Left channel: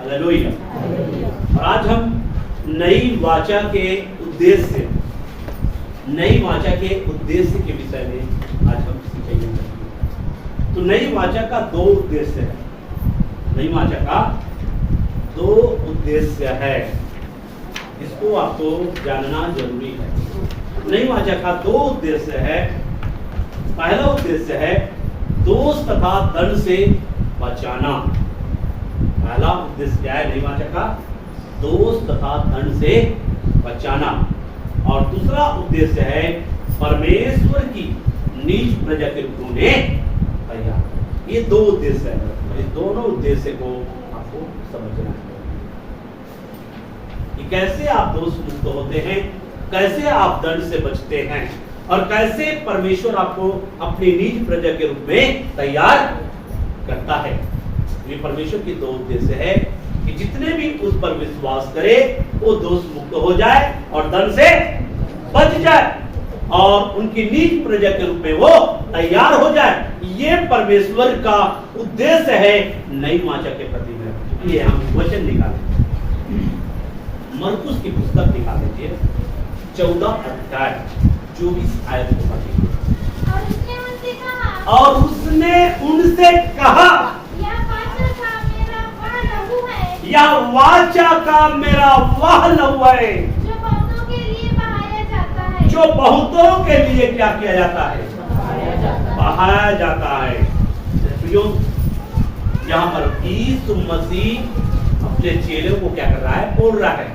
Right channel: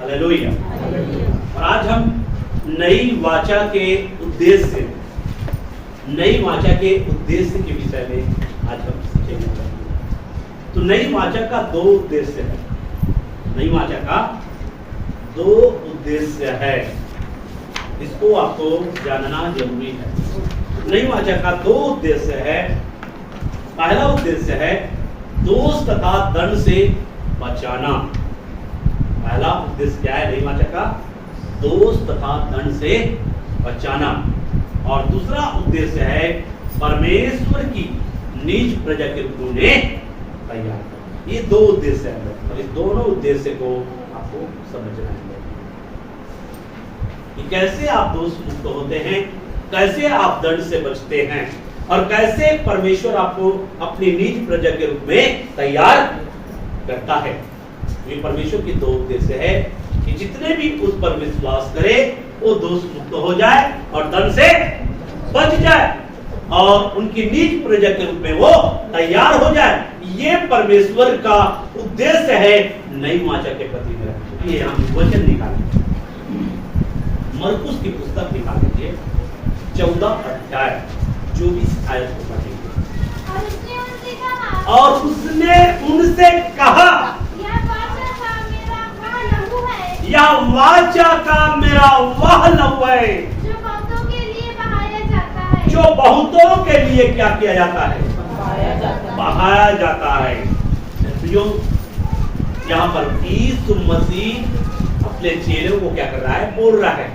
Hallelujah. और आज हम नई वाचा के उद्देश्य के विषय में आज हम सीखेंगे। तो नई वाचा का दो उद्देश्य है। नई वाचा का दो उद्देश्य है, इसको आपको जानना जरूरी है। नई वाचा का दो उद्देश्य है। पहला उद्देश्य है दोष तथा दंड से बचाना। पहला उद्देश्य क्या है नई वाचा का? दोष तथा दंड से बचाना। और दूसरा उद्देश्य है परमेश्वर की निज प्रजा के रूप में तैयार। ये दो उद्देश्य है और इस दोनों उद्देश्य को आपको समझना है कि कैसे आप दोष मुक्त होते हैं, कैसे आप दंड से बचते हैं और कैसे परमेश्वर आपको अपनी निज प्रजा के रूप में तैयार करता है। ये परमेश्वर की दो उद्देश्य है कि जितने भी उस पर विश्वास करे वो दोष मुक्त हो जाए और दंड से बच जाए और उनकी निज प्रजा के रूप में वो तैयार हो जाए। ये परमेश्वर का उद्देश्य है नई वाचा के प्रति मेरा। इसलिए हम वचन निकालेंगे, मरकुस की पुस्तक निकाल लीजिए 14 अध्याय 24 आयत को पढ़ेंगे। और उसने उनसे कहा, यह वाचा का मेरा वह लहू है जो बहुतों के लिए क्या किया जाता है? बहाया जाता है। यहाँ पर यीशु मसीह अपने चेलों को क्या कर रहा है? बोल रहा है।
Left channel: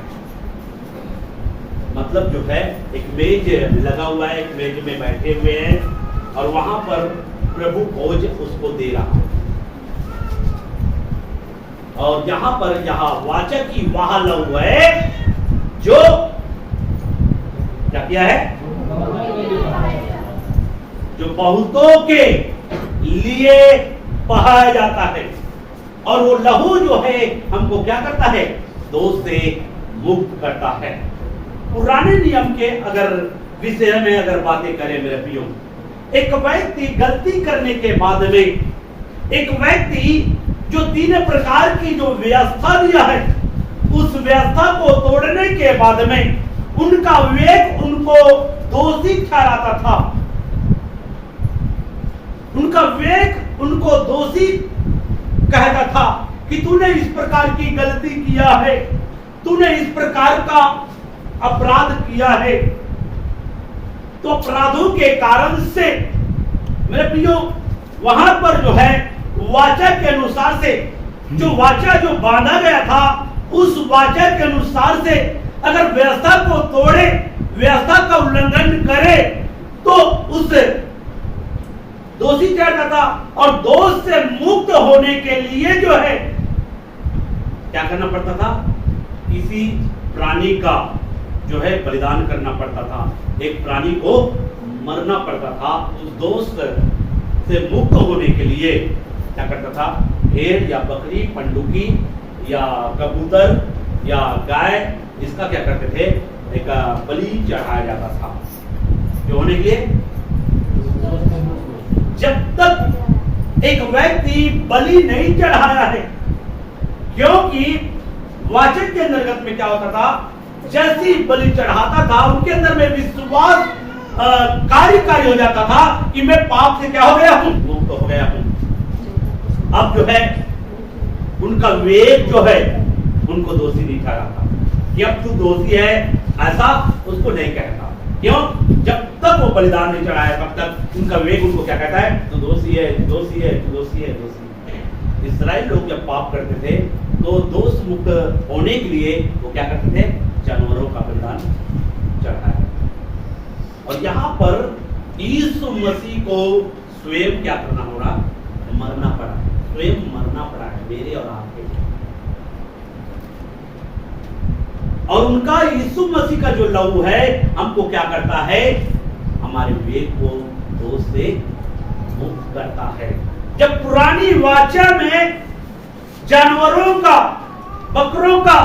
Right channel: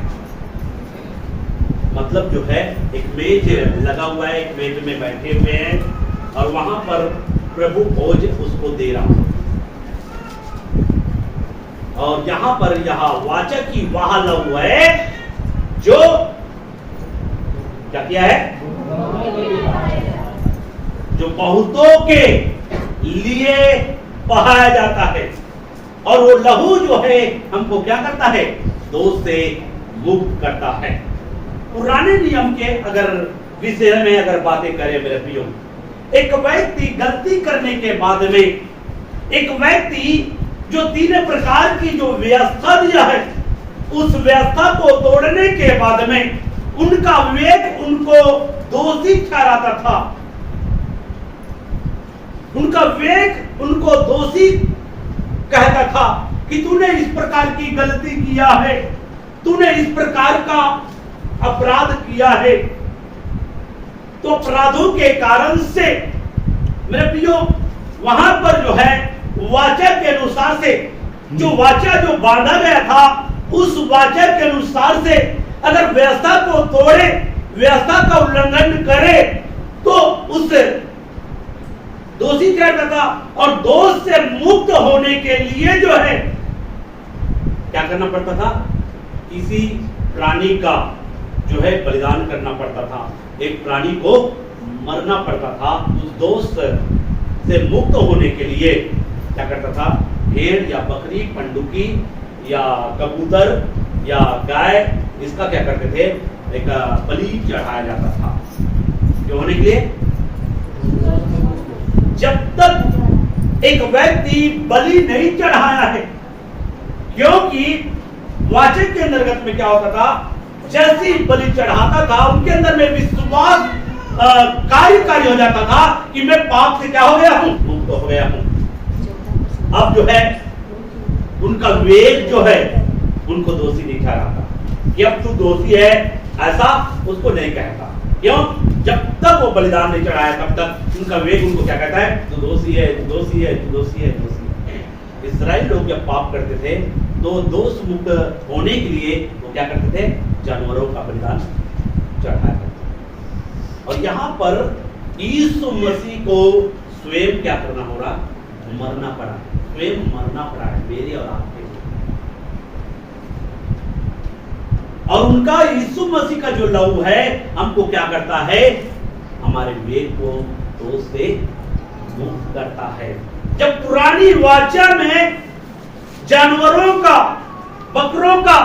मतलब जो है एक मेज लगा हुआ है, एक मेज में बैठे हुए हैं और वहां पर प्रभु भोज उसको दे रहा है। और यहाँ पर यहाँ वाचा की वह लहू है जो क्या किया है? जो बहुतों के लिए बहाया जाता है। और वो लहू जो है हमको क्या करता है? दोष से मुक्त करता है। पुराने नियम के अगर विषय में अगर बातें करें मेरे प्रियो, एक व्यक्ति गलती करने के बाद में एक व्यक्ति जो 3 प्रकार की जो व्यवस्था दिया है उस व्यवस्था को तोड़ने के बाद में उनका विवेक उनको दोषी ठहराता था। उनका विवेक उनको दोषी कहता था कि तूने इस प्रकार की गलती किया है, तूने इस प्रकार का अपराध किया है। तो अपराधों के कारण से मेरे प्रियो वहां पर जो है वाचा के अनुसार से जो वाचा जो बांधा गया था उस वाचा के अनुसार से अगर व्यवस्था को तोड़े, व्यवस्था का उल्लंघन करे तो उससे दोषी ठहरता था। और दोष से मुक्त होने के लिए जो है क्या करना पड़ता था? किसी प्राणी का जो है बलिदान करना पड़ता था। एक प्राणी को मरना पड़ता था। उस दोष से मुक्त होने के लिए क्या करता था? भेड़ या बकरी, पंडुकी या कबूतर या गाय, इसका क्या करते थे? एक बलि चढ़ाया जाता था। क्यों होने के लिए? जब तक एक व्यक्ति बलि नहीं चढ़ाया है, क्योंकि वाचक के अंतर्गत में क्या होता था? जैसी बलि चढ़ाता था उनके अंदर में विश्वास कार्यकारी हो जाता था कि मैं पाप से क्या हो गया हूं? मुक्त हो गया हूं। अब जो है उनका विवेक जो है उनको दोषी नहीं ठहराता कि अब तू दोषी है, ऐसा उसको नहीं कहता। क्यों? जब तक वो बलिदान नहीं चढ़ाया तब तक उनका विवेक उनको क्या कहता है? तू दोषी है, दोषी है, तू दोषी है, दोषी है। इस्राएल लोग जब पाप करते थे तो दोष मुक्त होने के लिए वो क्या करते थे? जानवरों का बलिदान चढ़ाया। और यहाँ पर यीशु मसीह को स्वयं क्या करना हो रहा? मरना पड़ा है। स्वयं मरना पड़ा है मेरे और आपके। और उनका यीशु मसीह का जो लहू है हमको क्या करता है? हमारे विवेक को दोष से मुक्त करता है। जब पुरानी वाचा में जानवरों का, बकरों का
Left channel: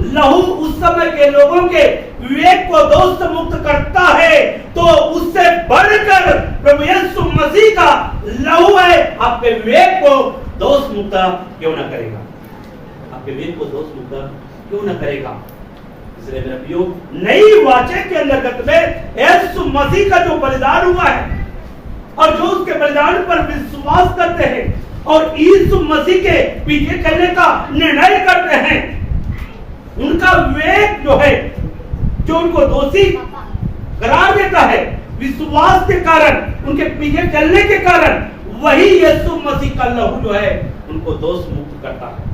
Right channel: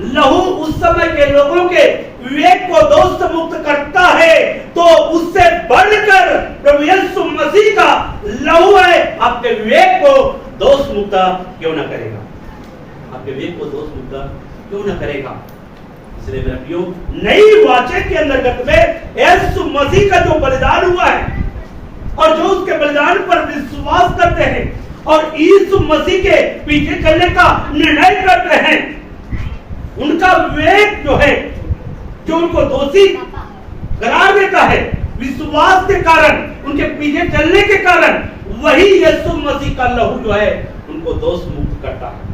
लहू उस समय के लोगों के विवेक को दोष से मुक्त करता है, तो उससे बढ़कर प्रभु यीशु मसीह का लहू है आपके विवेक को दोष मुक्त क्यों ना करेगा? आपके विवेक को दोष मुक्त क्यों न करेगा? इसलिए मेरे प्रियो, नई वाचा के अंतर्गत में यीशु मसीह का जो बलिदान हुआ है और जो उसके बलिदान पर विश्वास करते हैं और यीशु मसीह के पीछे चलने का निर्णय करते हैं, उनका विवेक जो है, जो उनको दोषी करार देता है विश्वास के कारण, उनके पीछे चलने के कारण, वही यीशु मसीह का लहू जो है उनको दोष मुक्त करता है,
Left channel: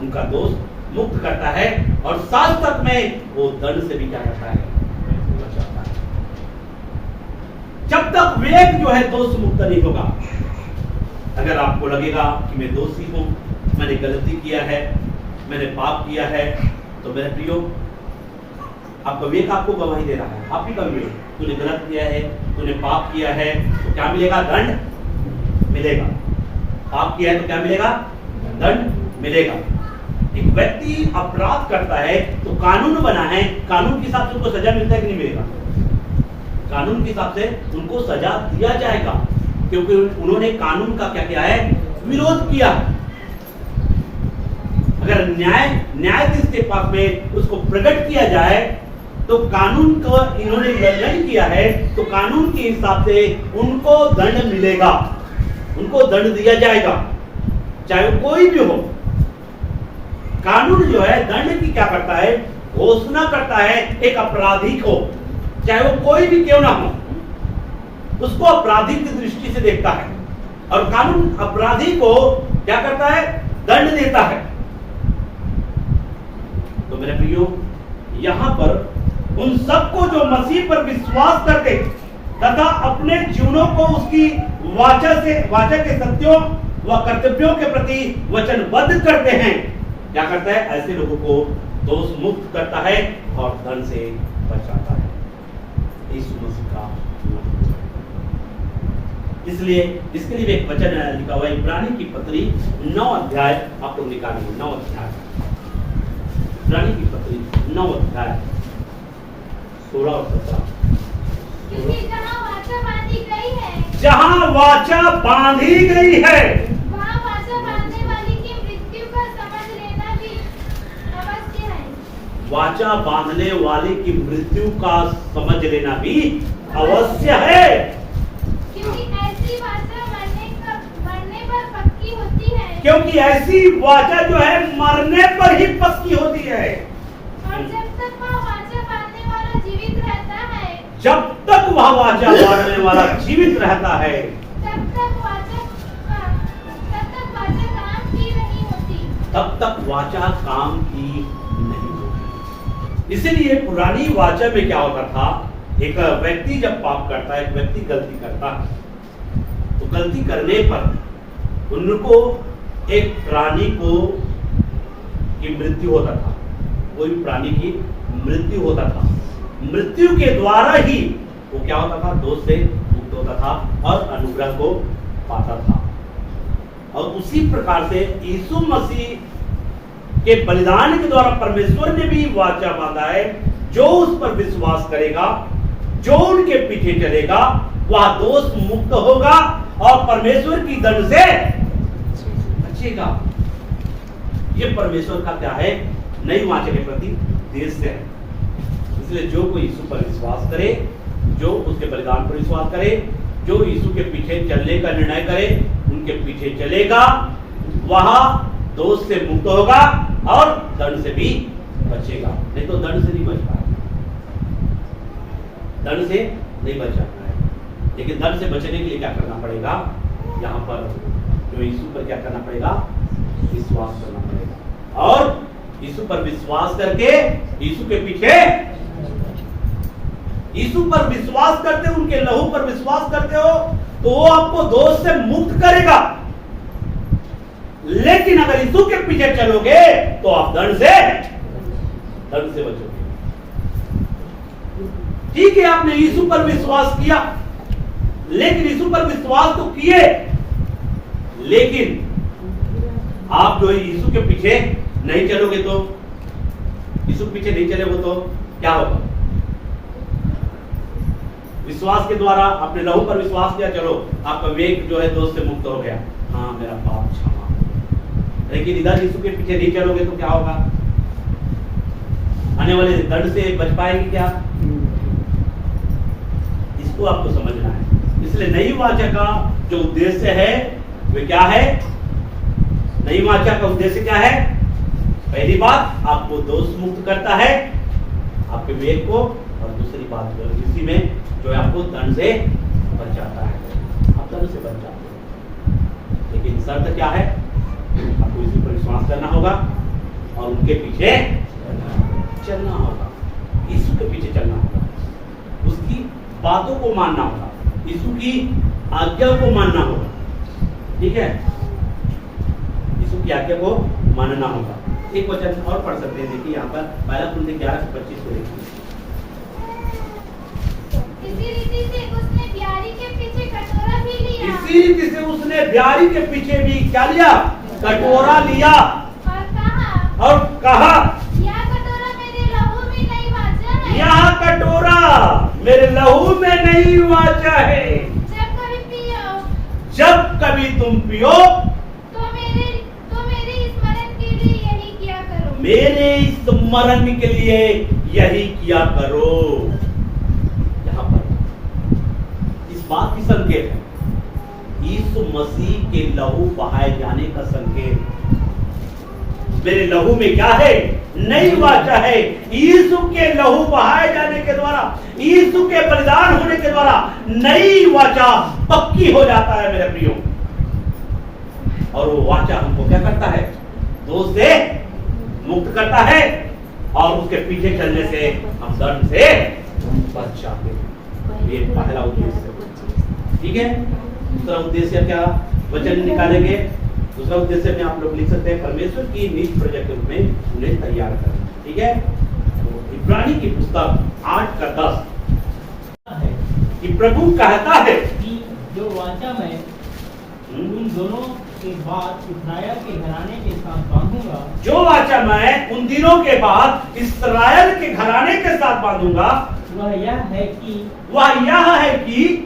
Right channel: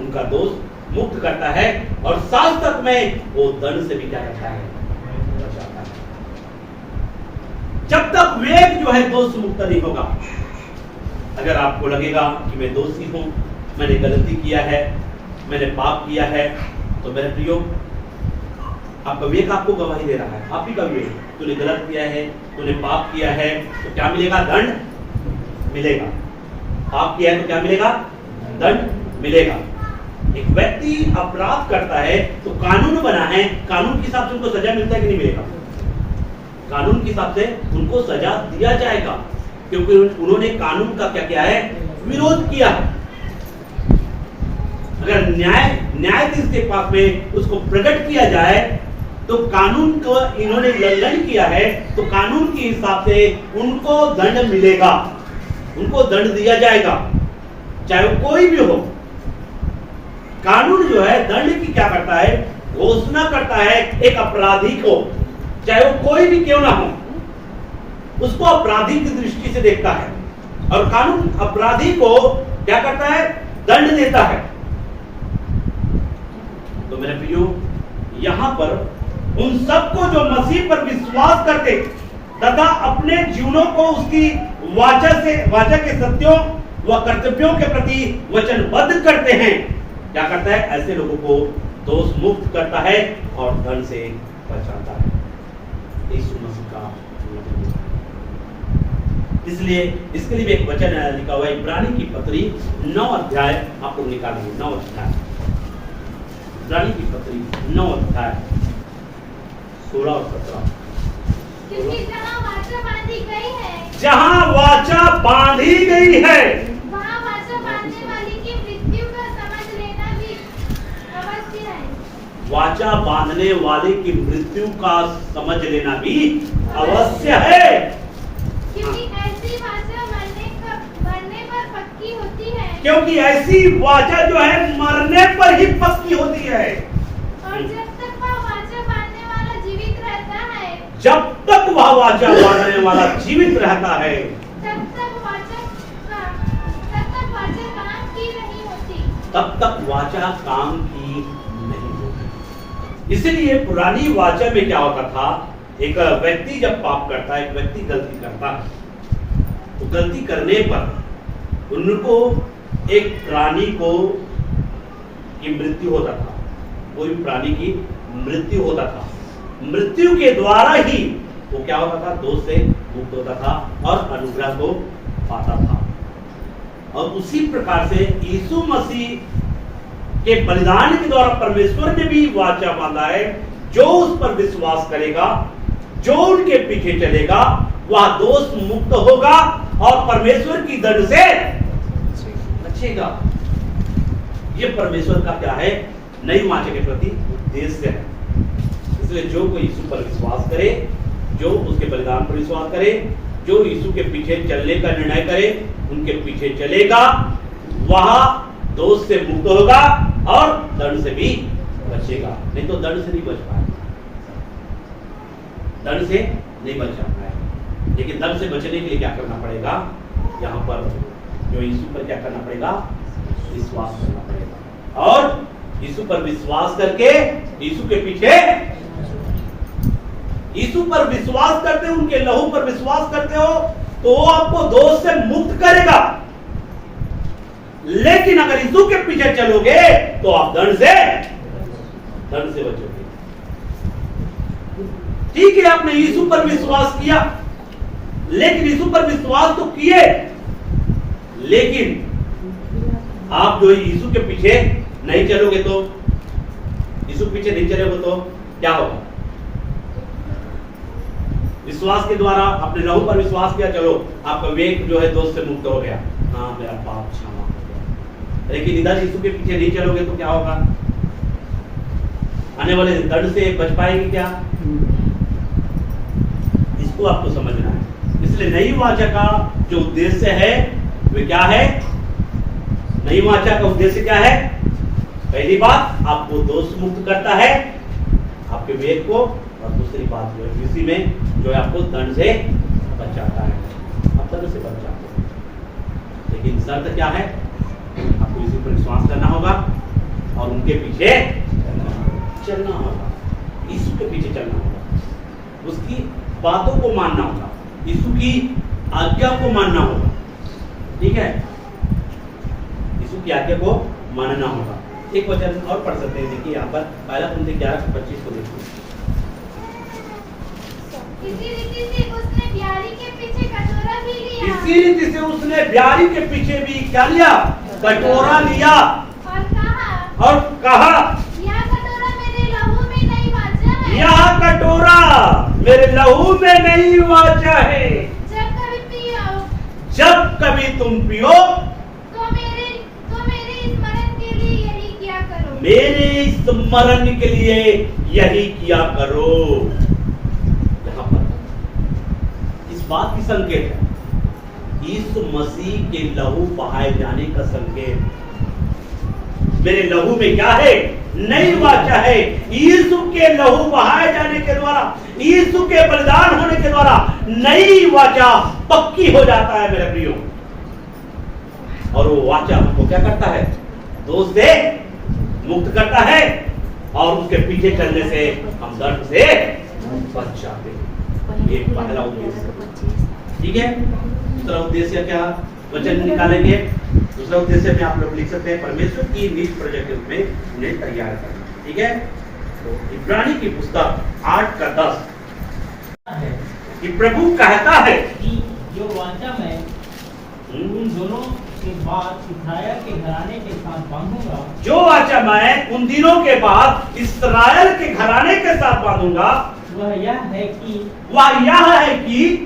उनका दोष मुक्त करता है और साथ साथ में वो दंड से भी क्या करता है, बचाता है। जब तक विवेक जो है दोष मुक्त नहीं होगा, अगर आपको लगेगा कि मैं दोषी हूं, मैंने गलती किया है, मैंने पाप किया है, तो मेरे प्रियो, आपका विवेक आपको गवाही दे रहा है, आप ही का विवेक, तूने गलत किया है, तूने पाप किया है, तो क्या मिलेगा? दंड मिलेगा। पाप किया है तो क्या मिलेगा? दंड मिलेगा। एक व्यक्ति अपराध करता है तो कानून बना है, कानून के हिसाब से उनको सजा मिलता है कि नहीं मिलेगा? कानून के हिसाब से उनको सजा दिया जाएगा, क्योंकि उन्होंने कानून का क्या किया है? विरोध किया है। अगर न्यायाधीश के पास में उसको प्रकट किया जाए तो कानून को इन्होंने उल्लंघन किया है, तो कानून के हिसाब से उनको दंड मिलेगा, उनको दंड दिया जाएगा, चाहे वो कोई भी हो। कानून जो है दंड की क्या करता है? घोषणा करता है एक अपराधी को, चाहे वो कोई भी क्यों ना हो, उसको अपराधी की दृष्टि से देखता है और कानून अपराधी को क्या करता है? दंड देता है। तो मेरे प्रियो, यहां पर उन सबको जो मसीह पर विश्वास करते तथा अपने जीवनों को उसकी वाचा के सत्यों व कर्तव्यों के प्रति वचनबद्ध करते हैं, क्या करता है? ऐसे लोगों को दोष मुक्त करता है और दंड से बचाता है। यीशु मसीह का इसलिए इसके लिए एक वचन लिखा हुआ है, इब्रानी की पत्री 9 अध्याय, आप लोग निकालेंगे 9 अध्याय, इब्रानी की पत्री 9 अध्याय 16 और 17। क्योंकि जहाँ वाचा बांधी गई है, जहाँ वाचा बांधी गई है, वहाँ वाचा बांधने वाले की मृत्यु का समझ लेना भी अवश्य है। वाचा बांधने वाले की मृत्यु का समझ लेना भी अवश्य है, क्योंकि ऐसी वाचा मरने पर पक्की होती है, क्योंकि ऐसी वाचा जो है मरने पर ही पक्की होती है। और जब तक वह वाचा बांधने वाला जीवित रहता है, जब तक वह वाचा बांधने वाला जीवित रहता है, तब तक वाचा काम की नहीं होती, तब तक वाचा काम की नहीं होती। इसीलिए पुरानी वाचा में क्या होता था? एक व्यक्ति जब पाप करता है, एक व्यक्ति गलती करता है, तो गलती करने पर उनको एक प्राणी को की मृत्यु होता था, कोई भी प्राणी की मृत्यु होता था। मृत्यु के द्वारा ही वो क्या होता था? दोष से मुक्त होता था और अनुग्रह को पाता था। और उसी प्रकार से यीशु मसीह के बलिदान के द्वारा परमेश्वर ने भी वाचा बांधा है, जो उस पर विश्वास करेगा, जो उनके पीछे चलेगा, वह दोष मुक्त होगा और परमेश्वर की दंड से बचेगा। ये परमेश्वर का क्या है? नई वाचा के प्रति उद्देश्य है। इसलिए जो कोई यीशु पर विश्वास करे, जो उसके बलिदान पर विश्वास करे, जो यीशु के पीछे चलने का निर्णय करे, उनके पीछे चलेगा, वह दोष से मुक्त होगा और दंड से भी बचेगा। नहीं तो दंड से नहीं बच पाएगा, दंड से नहीं बच पाएगा। लेकिन दंड से बचने के लिए क्या करना पड़ेगा? यहाँ पर जो यीशु पर क्या करना पड़ेगा? विश्वास करना पड़ेगा। और यीशु पर विश्वास करके यीशु के पीछे, यीशु पर विश्वास करते हो, उनके लहू पर विश्वास करते हो, तो वो आपको दोष से मुक्त करेगा। लेकिन अगर यीशु के पीछे चलोगे तो आप दंड से बचोगे। ठीक है, आपने यीशु पर विश्वास किया, लेकिन यीशु पर विश्वास तो किए, लेकिन आप जो यीशु के पीछे नहीं चलोगे, तो यीशु पीछे नहीं चलोगे तो क्या होगा? विश्वास के द्वारा अपने लहू पर विश्वास किया, चलो आपका विवेक जो है दोष से मुक्त हो गया, हाँ मेरा पाप क्षमा, लेकिन इधर यीशु के पीछे नहीं चलोगे तो क्या होगा? आने वाले दंड से बच पाएगी क्या? इसको आपको समझना है। इसलिए नई वाचा का जो उद्देश्य है वे क्या है? नई वाचा का उद्देश्य क्या है? पहली बात, आपको दोष मुक्त करता है, आपके विवेक को, और दूसरी बात इसी में जो आपको दंड से बचाता है। आप दंड से बच जाते हैं, लेकिन शर्त क्या है? आपको इसी पर विश्वास करना होगा और उनके पीछे चलना होगा। यीशु के पीछे चलना होगा, उसकी बातों को मानना होगा, यीशु की आज्ञा को मानना होगा। ठीक है, यीशु की आज्ञा को मानना होगा। एक वचन और पढ़ सकते हैं, देखिए यहाँ पर पहला कुरिन्थियों 11:25 को देखिए। इसी रीति से उसने ब्यारी के पीछे कटोरा भी लिया। इसी रीति से उसने ब्यारी के पीछे भी क्या लिया? कटोरा लिया और कहा यह कटोरा मेरे लहू में नहीं वाचा है। यह कटोरा मेरे लहू में नहीं वाचा है। जब कभी तुम पियो तो मेरे स्मरण के लिए यही किया करो। मेरे स्मरण के लिए यही किया करो। यहाँ पर इस बात की संकेत है, यीशु मसीह के लहू बहाए जाने का संकेत। मेरे लहू में क्या है? नई वाचा है। यीशु के लहू बहाए जाने के द्वारा, यीशु के बलिदान होने के द्वारा नई वाचा पक्की हो जाता है मेरे प्रियो। और वो वाचा हमको क्या करता है? दोष से मुक्त करता है और उसके पीछे चलने से हम दंड से बच जाते हैं। ये पहला उद्देश्य। ठीक है, दूसरा उद्देश्य क्या वचन निकालेंगे? दूसरा उद्देश्य में आप लोग लिख सकते हैं, परमेश्वर की नीच प्रजा के रूप में उन्हें तैयार करना। ठीक है, तो इब्रानी की पुस्तक 8:10 कि प्रभु कहता है कि जो वाचा मैं उन दोनों के बाद इस्राएल के घराने के साथ बांधूंगा। जो वाचा मैं उन दिनों के बाद इस्राएल के घराने के साथ बांधूंगा, वह यह है कि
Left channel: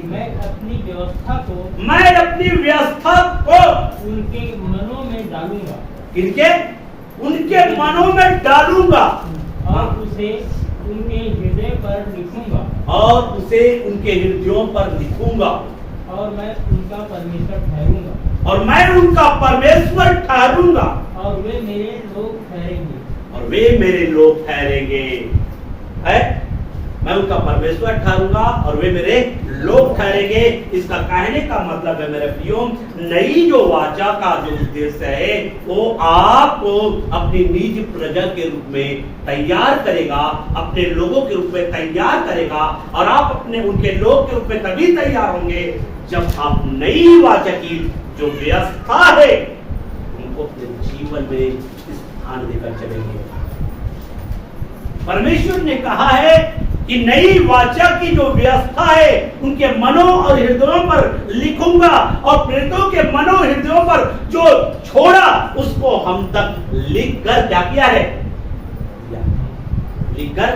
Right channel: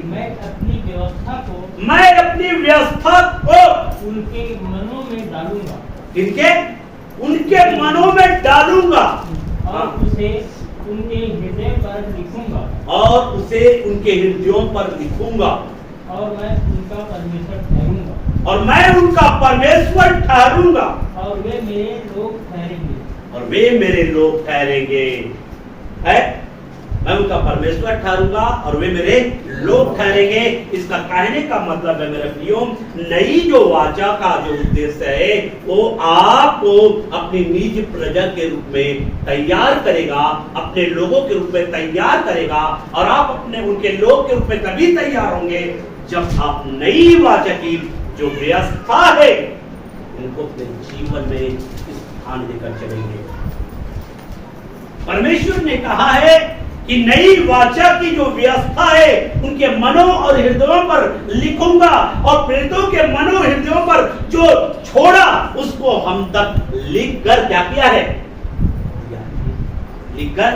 मैं अपनी व्यवस्था को उनके मनों में डालूंगा। उनके मनों में डालूंगा और उसे उनके हृदय पर लिखूंगा। और मैं उनका परमेश्वर ठहरूंगा। और वे मेरे लोग ठहरेंगे। है, मैं उनका परमेश्वर ठहरूंगा और वे मेरे लोग ठहरेंगे। इसका कहने का मतलब है मेरे प्रियो, नई जो वाचा का जो उद्देश्य है वो आपको अपनी निज प्रजा के रूप में तैयार करेगा, अपने लोगों के रूप में तैयार करेगा। और आप अपने उनके लोग के रूप में तभी तैयार होंगे जब आप नई वाचा की जो व्यवस्था है उनको अपने जीवन में स्थान देकर चलेंगे। परमेश्वर ने कहा है कि नई वाचा की जो व्यवस्था है उनके मनों और हृदयों पर लिखूंगा, और प्रेरितों के मनों हृदयों पर जो छोड़ा उसको हम तक लिख कर क्या किया है? लिख कर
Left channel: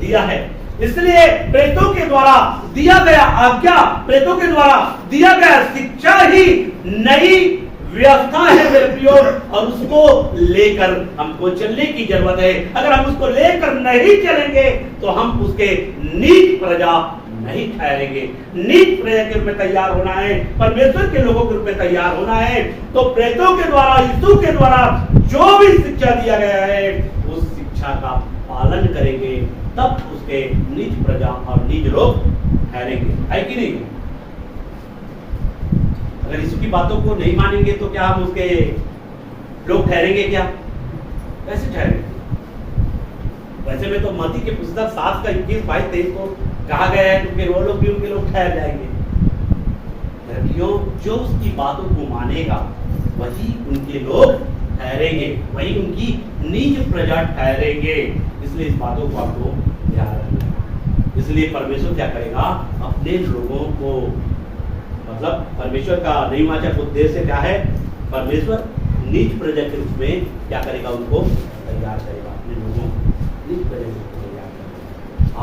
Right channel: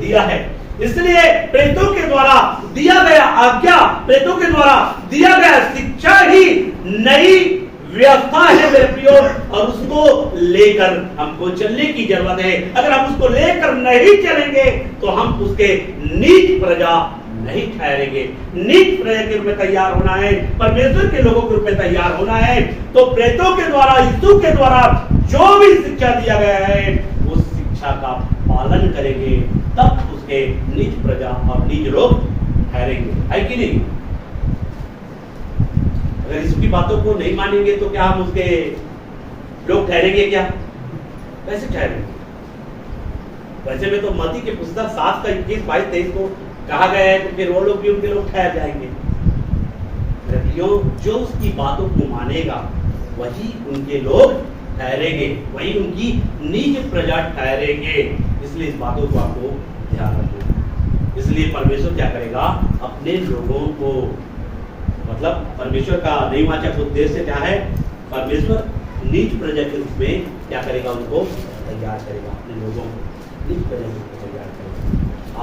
दिया है। इसलिए प्रेरितों के द्वारा दिया गया आज्ञा, प्रेरितों के द्वारा दिया गया शिक्षा ही नई व्यवस्था है मेरे प्रियो, और उसको लेकर हमको चलने की जरूरत है। अगर हम उसको लेकर नहीं चलेंगे तो हम उसके नीच प्रजा नहीं ठहरेंगे। नीच प्रजा के रूप में तैयार होना है, परमेश्वर के लोगों के रूप में तैयार होना है, तो प्रेरितों के द्वारा, यीशु के द्वारा जो भी शिक्षा दिया गया है उस शिक्षा का पालन करेंगे, तब उसके नीच प्रजा और नीच लोग ठहरेंगे। है कि नहीं? अगर इसकी बातों को नहीं मानेंगे तो क्या हम उसके लोग ठहरेंगे? क्या कैसे ठहरेंगे? वैसे में तो मत्ती के पुस्तक 7:21-22-23 को कहा गया है तो फिर वो लोग भी उनके लोग ठहर जाएंगे। जो उसकी बातों को मानेगा वही उनके लोग ठहरेंगे, वही उनकी निज प्रजा ठहरेंगे। इसलिए इस बातों को आपको ध्यान रखना। इसलिए परमेश्वर क्या करेगा? अपने लोगों को, मतलब परमेश्वर का नई वाचा का उद्देश्य क्या है? परमेश्वर नीच प्रजा के रूप में क्या करेगा? उनको तैयार करेगा, अपने लोगों नीच प्रजा के रूप में तैयार करेगा।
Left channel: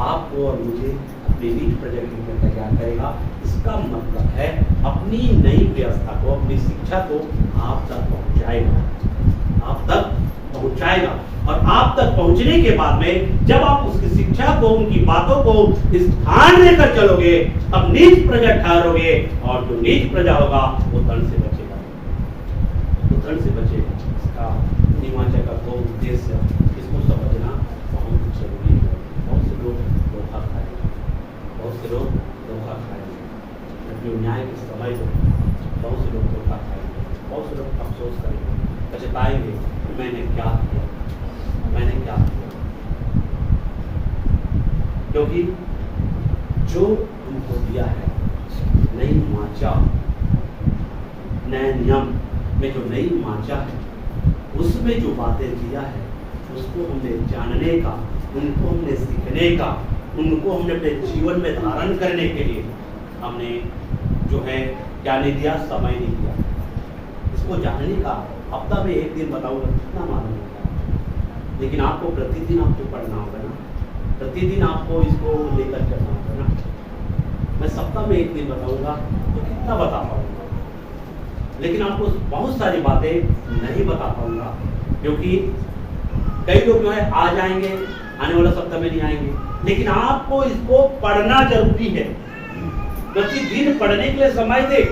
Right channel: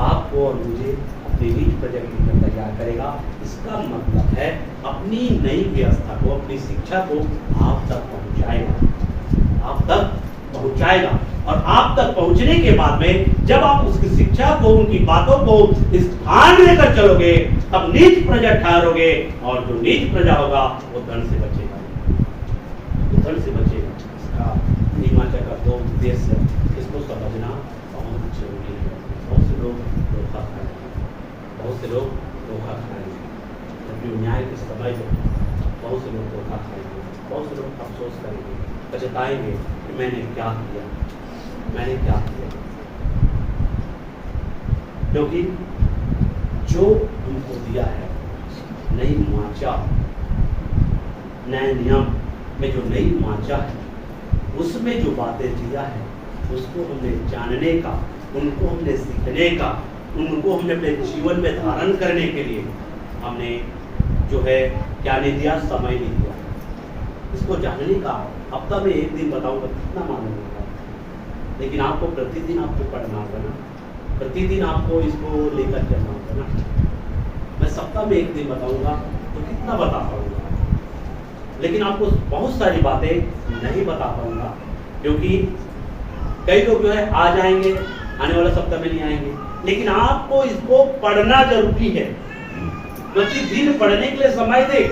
आपको और मुझे अपनी नीच प्रजा के रूप में तैयार करेगा। इसका मतलब है अपनी नई व्यवस्था को, अपनी शिक्षा को आप तक पहुंचाएगा। आप तक पहुंचाएगा। और आप तक पहुंचने के बाद में जब आप उसकी शिक्षा को, उनकी बातों को स्थान लेकर चलोगे, तब नीच प्रजा ठहरोगे, और जो नीच प्रजा होगा वो धन से बचेगा, वो धन से बचेगा। इसका नीमाचा का दो उद्देश्य है, इसको समझना बहुत जरूरी है। बहुत से लोग धोखा खाएंगे, बहुत से लोग धोखा खाएंगे, जबकि न्याय के समय को बहुत से लोग धोखा खाएंगे, बहुत से लोग अफसोस करेंगे, पछताएंगे कि मैंने क्या किया, मैंने क्या किया। क्योंकि जो हमको दिया है नई वाचा, नए नियम में जो नई वाचा है, उसमें जो बातें दिया है उसको हमने जानने का, उनको हमने सीखने का, उनको हमने अपने जीवन में धारण करने के लिए हमने जो है क्या नहीं दिया, समय नहीं दिया। इसको जानने का हफ्ता में एक दिन बताऊंगा कितना मालूम होगा, लेकिन आपको प्रतिदिन आपको पढ़ना होगा ना, प्रतिदिन आपको इसको लेकर चलना होगा ना। मैं सप्ताह में एक दिन बताऊंगा तो कितना बता पाऊंगा, लेकिन आपको बहुत सारी बातें नहीं बता पाऊंगा, क्योंकि कई लोग जो है आ जाएंगे, आने वाला सप्ताह में नहीं आएंगे, लेकिन आपको इसको पढ़ना जरूरी है। प्रतिदिन पढ़ने के लिए समय दे,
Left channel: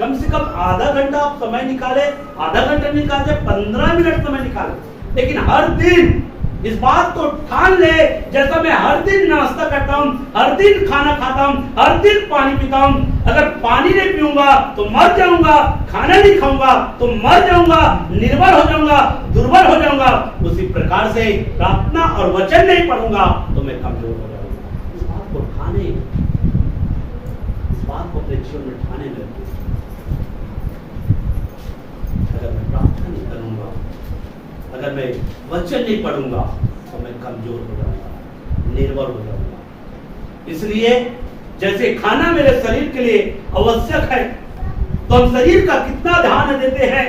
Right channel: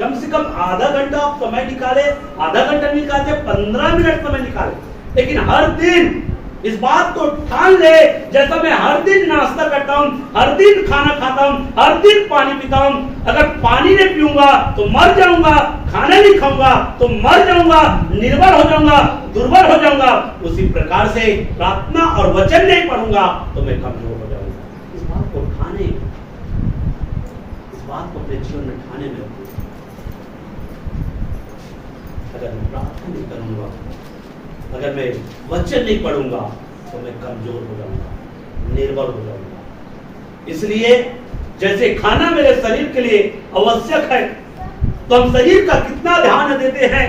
कम से कम आधा घंटा आप समय निकाले, आधा घंटा निकालते 15 मिनट समय निकाले, लेकिन हर दिन इस बात को ठान ले, जैसा मैं हर दिन नाश्ता करता हूं, हर दिन खाना खाता हूं, हर दिन पानी पीता हूं, अगर पानी नहीं पीऊंगा तो मर जाऊंगा, खाना नहीं खाऊंगा तो मर जाऊंगा, निर्बल हो जाऊंगा, दुर्बल हो जाऊंगा, उसी प्रकार से प्रार्थना और वचन नहीं पढ़ूंगा तो मैं कमजोर हो जाऊंगा। इस बात को ठाने, इस बात को अपने जीवन में ठाने में रखिए। अगर मैं प्रार्थना नहीं करूंगा, अगर मैं वचन नहीं पढ़ूंगा तो मैं कमजोर हो जाऊंगा, निर्बल हो जाऊंगा। इसलिए जैसे खाना मेरे शरीर के लिए आवश्यक है, तो हम शरीर का कितना ध्यान देते हैं,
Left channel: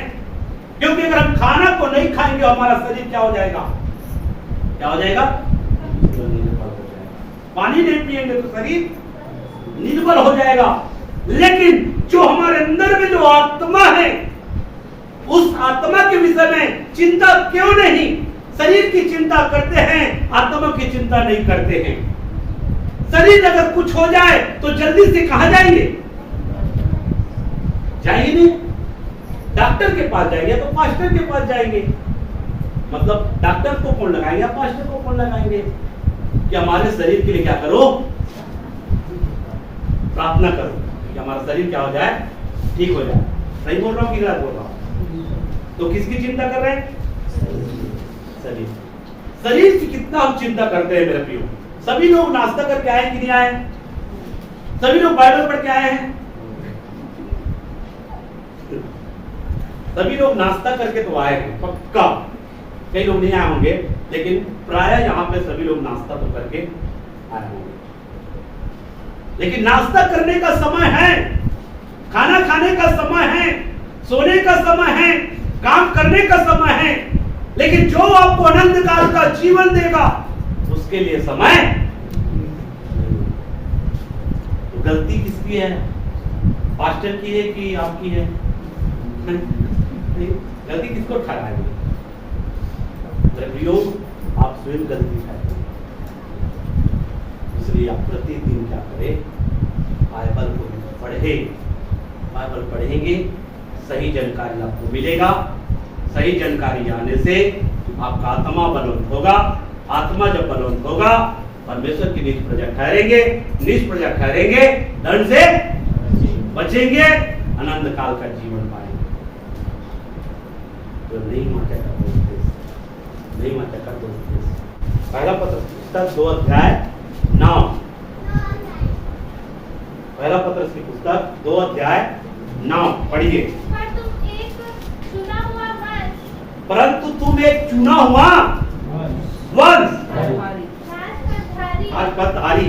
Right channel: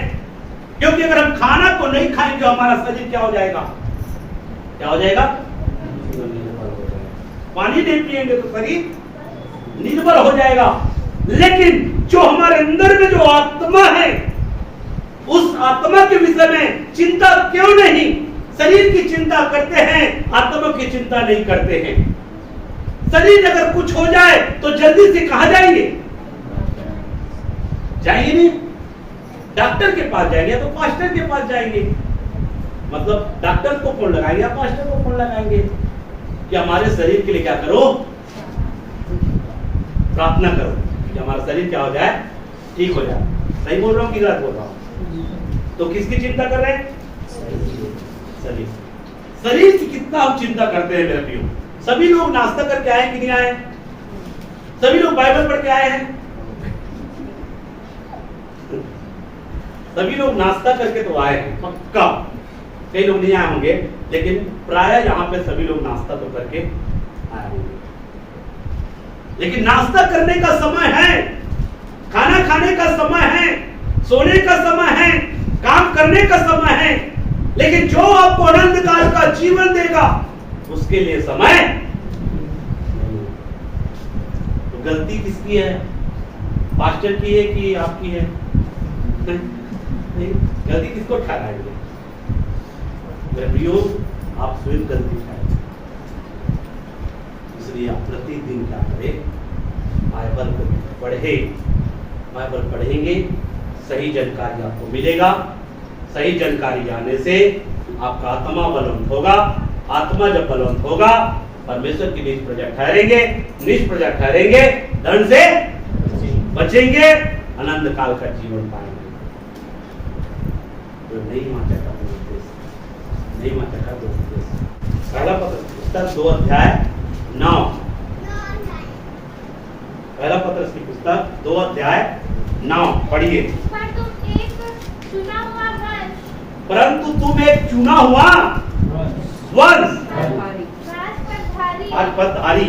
क्योंकि अगर हम खाना को नहीं खाएंगे हमारा शरीर क्या हो जाएगा, क्या हो जाएगा, निर्बल हो जाएगा। पानी नहीं पिएंगे तो शरीर निर्बल हो जाएगा। लेकिन जो हमारे अंदर में जो आत्मा है, उस आत्मा के विषय में चिंता क्यों नहीं, शरीर की चिंता करते हैं, आत्मा की चिंता नहीं करते हैं। शरीर अगर कुछ हो जाए तो जल्दी से कहां जाएंगे, जाएंगे नहीं, डॉक्टर के पास जाएंगे तो पास्टर के पास जाएंगे। मतलब डॉक्टर को फोन लगाएंगे, पास्टर को फोन लगाएंगे कि हमारे शरीर के लिए क्या करो, प्रार्थना करो कि हमारा शरीर क्या हो जाए, ठीक हो जाए। सही बोल रहा हूं कि गलत बोल रहा हूं? तो किसकी चिंता कर रहे हैं, शरीर। शरीर की कितना हम चिंता करते हैं मेरे प्रियो। सभी लोग नाश्ता करके आए कि नहीं आए, सभी लोग बाइबल पढ़ के आए हैं, सभी लोग नाश्ता करके तो आए हैं पक्का, कई लोग नहीं आए होंगे, लेकिन प्राय यहाँ पे सभी लोग नाश्ता तो करके आए होंगे। लेकिन नाश्ता करने का समय है, खाना खाने का समय है, सोने का समय है, काम करने का समय है, लेकिन जो आपको अनंत काल का जीवन देगा उसके लिए समय नहीं। तो गलती किसकी है, पास्टर की है कि आपकी है? नहीं, गलती किसको ठहराएंगे? आप स्वयं गलती ठहराएंगे। इसलिए आप प्रतिदिन क्या करें, बाइबल को पढ़े, बाइबल पढ़ेंगे, सही जानकारी आपको मिलेगा। सही जानकारी आने से आपका आत्मा बलवंत होगा, आत्मा जब बलवंत होगा परमेश्वर की निज प्रजा ठहरेंगे, निज प्रजा ठहरेंगे, दंड से बचेंगे, अनंत काल का जीवन पाएंगे। तो नहीं माता का उद्देश्य, नहीं माता का उद्देश्य। पहला पत्र पुस्तक 2 अध्याय 9, पहला पत्र की पुस्तक 2 अध्याय 9 पढ़िए। परंतु तुम एक चुना हुआ वंश, राजपथधारी,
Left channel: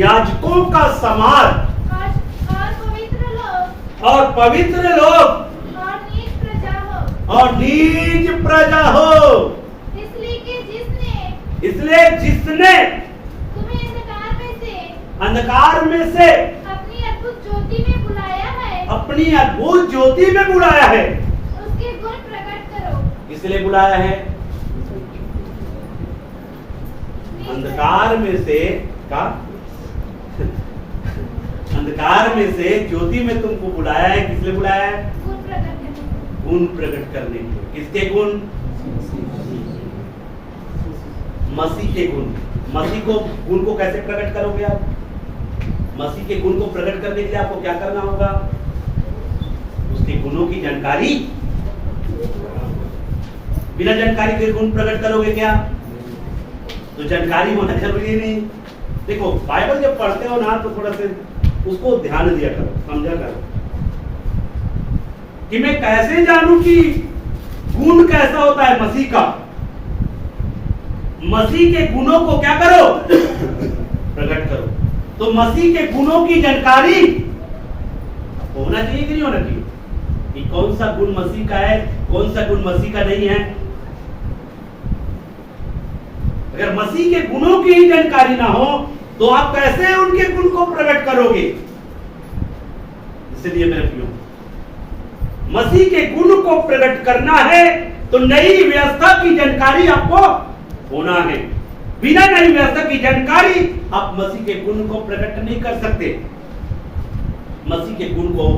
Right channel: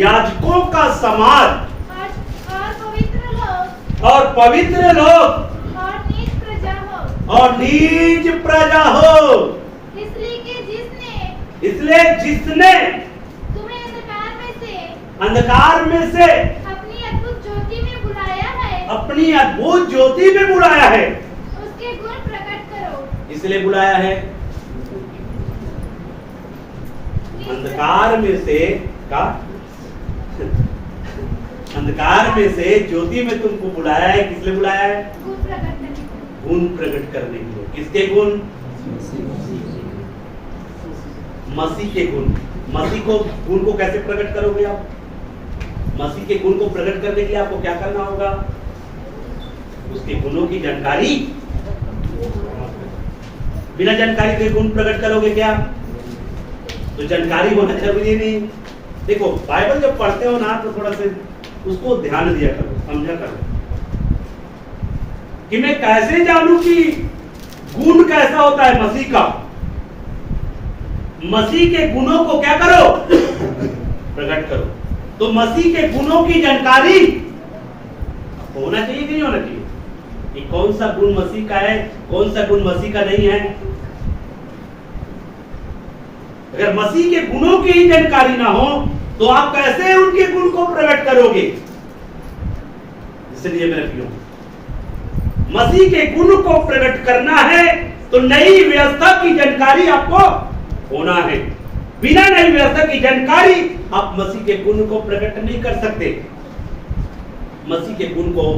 याजकों का समाज, और पवित्र लोग, और नीच प्रजा हो। इसलिए जिसने तुम्हें अंधकार में से अंधकार में से अपनी अद्भुत ज्योति में बुलाया है, अपनी अद्भुत ज्योति में बुलाया है। उसके गुण प्रकट करो। इसलिए बुलाया है अंधकार में से का अंधकार में से ज्योति में तुमको बुलाया है। किस लिए बुलाया है? गुण प्रकट करने को। गुण प्रकट करने के लिए। किसके गुण? मसीह के गुण। मसीह को गुण को कैसे प्रकट करोगे आप? मसीह के गुण को प्रकट करने के लिए आपको क्या करना होगा? उसके गुणों की जानकारी। बिना जानकारी के गुण प्रकट करोगे क्या? तो जानकारी होना जरूरी नहीं। देखो बाइबल जब पढ़ते हो ना तो थोड़ा सा उसको ध्यान दिया करो, समझा करो कि मैं कैसे जानूं कि गुण कैसा होता है मसीह का। मसीह के गुणों को क्या करो? प्रकट करो। तो मसीह के गुणों की जानकारी होना चाहिए कि नहीं होना चाहिए कि कौन सा गुण मसीह का है, कौन सा गुण मसीह का नहीं है। अगर मसीह के गुणों की ही जानकारी ना हो तो आप कैसे उनके गुण को प्रकट करोगे? इसलिए मेरे प्रियो, मसीह के गुण को प्रकट करना है तो नई व्यवस्था की जानकारी आपको होना है। बिना नई व्यवस्था की जानकारी आप मसीह के गुण को प्रकट नहीं कर सकते। मसीह के गुण को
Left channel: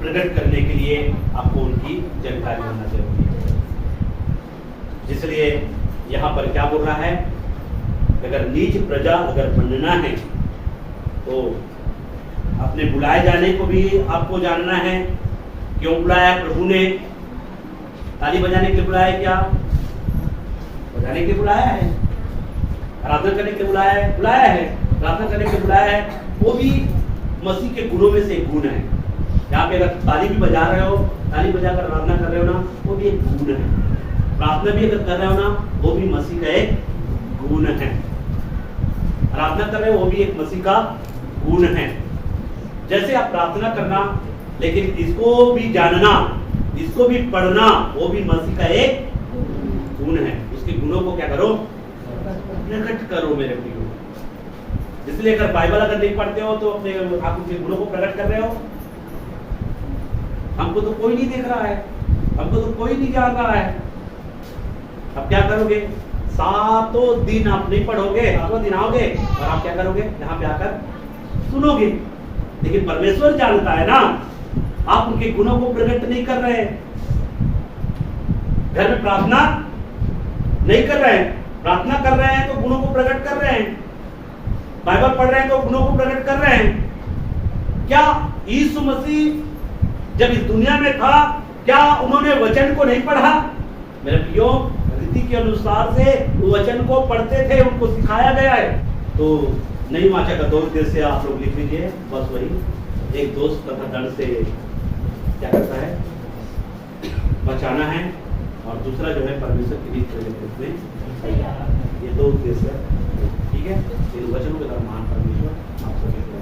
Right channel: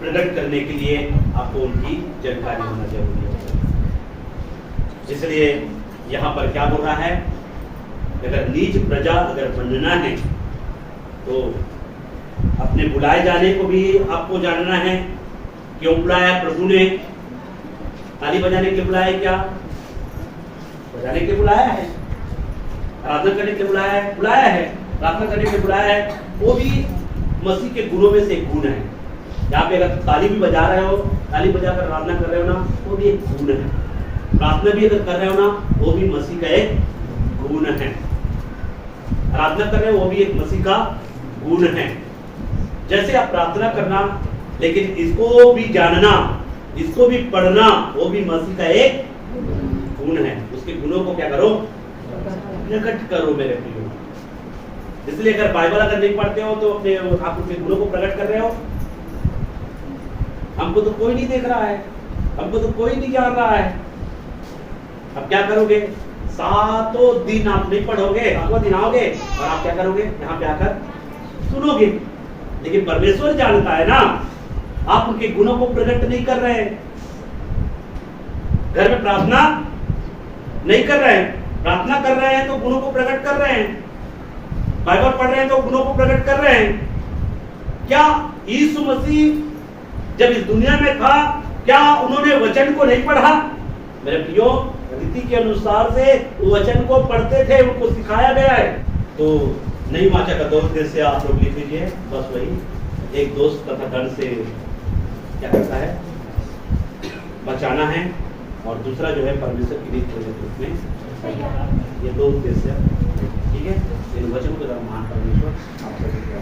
प्रकट करने के लिए आपको उनकी जानकारी होना जरूरी है। इसलिए यहां पर क्या बोल रहा है? अगर नीच प्रजा अगर बनना है तो अपने बुलाए जाने को भी आपको जानना है। क्यों बुलाया प्रभु ने? ताली बजाने के लिए बुलाया? क्या बजाने के लिए बुलाया है? आराधना करने के लिए बुलाया है? बुलाया है। प्रार्थना करने के लिए बुलाया है। वो भी मसीह के गुणों में से एक गुण है। यहाँ पे अगर ताली भी बजा रहे हो, ताली बजाकर आराधना कर रहे हो ना, वो भी एक गुण है। प्रार्थना भी अगर कर रहे हो ना, वो भी मसीह का एक गुण है। आराधना कर रहे हो, वो भी एक मसीह का गुण है। जैसे आप प्रार्थना करना, लेकिन इसको भी जानना, इसको भी पढ़ना, वो भी मसीह का एक गुण है। उसके गुणों को क्या करो? प्रकट करो मेरे प्रियो। इसलिए अगर बाइबल अगर नहीं पढ़ते हो तो अपने आप उसके गुणों को प्रकट कर रहे हो। हमको तो कोई नहीं देख रहा है, हमको तो कोई नहीं जान रहा है। अब क्या करोगे? सातों दिन आप नहीं पढ़ोगे, सातवां दिन आओगे और आप क्या करोगे? यहाँ पे आकर सुनोगे। लेकिन परमेश्वर जानता है ना, आप उनके गुणों को प्रकट नहीं कर रहे हैं। घर में प्रार्थना नहीं कर रहे हैं, प्रार्थना कर रहे हैं तो गुणों को प्रकट कर रहे हैं। बाइबल पढ़ रहे हैं तो गुणों को प्रकट कर रहे हैं। क्या यीशु मसीह जब इस दुनिया में था, क्या उन्होंने वचन को नहीं पढ़ा? मेरे प्रियो, रीति के अनुसार से वचन को पढ़ते थे, उनको सिखाया गया है। तो नई वाचा का 2 उद्देश्य से आप लोग लिख लीजिए, बस वही। एक दोस्त तथा दंड से क्या करता है? बचाना है, और दूसरा जो है परमेश्वर की रीति के रूप में। ये 2 उद्देश्य, ठीक है। इन वचनों के द्वारा महान परमेश्वर आप सभी को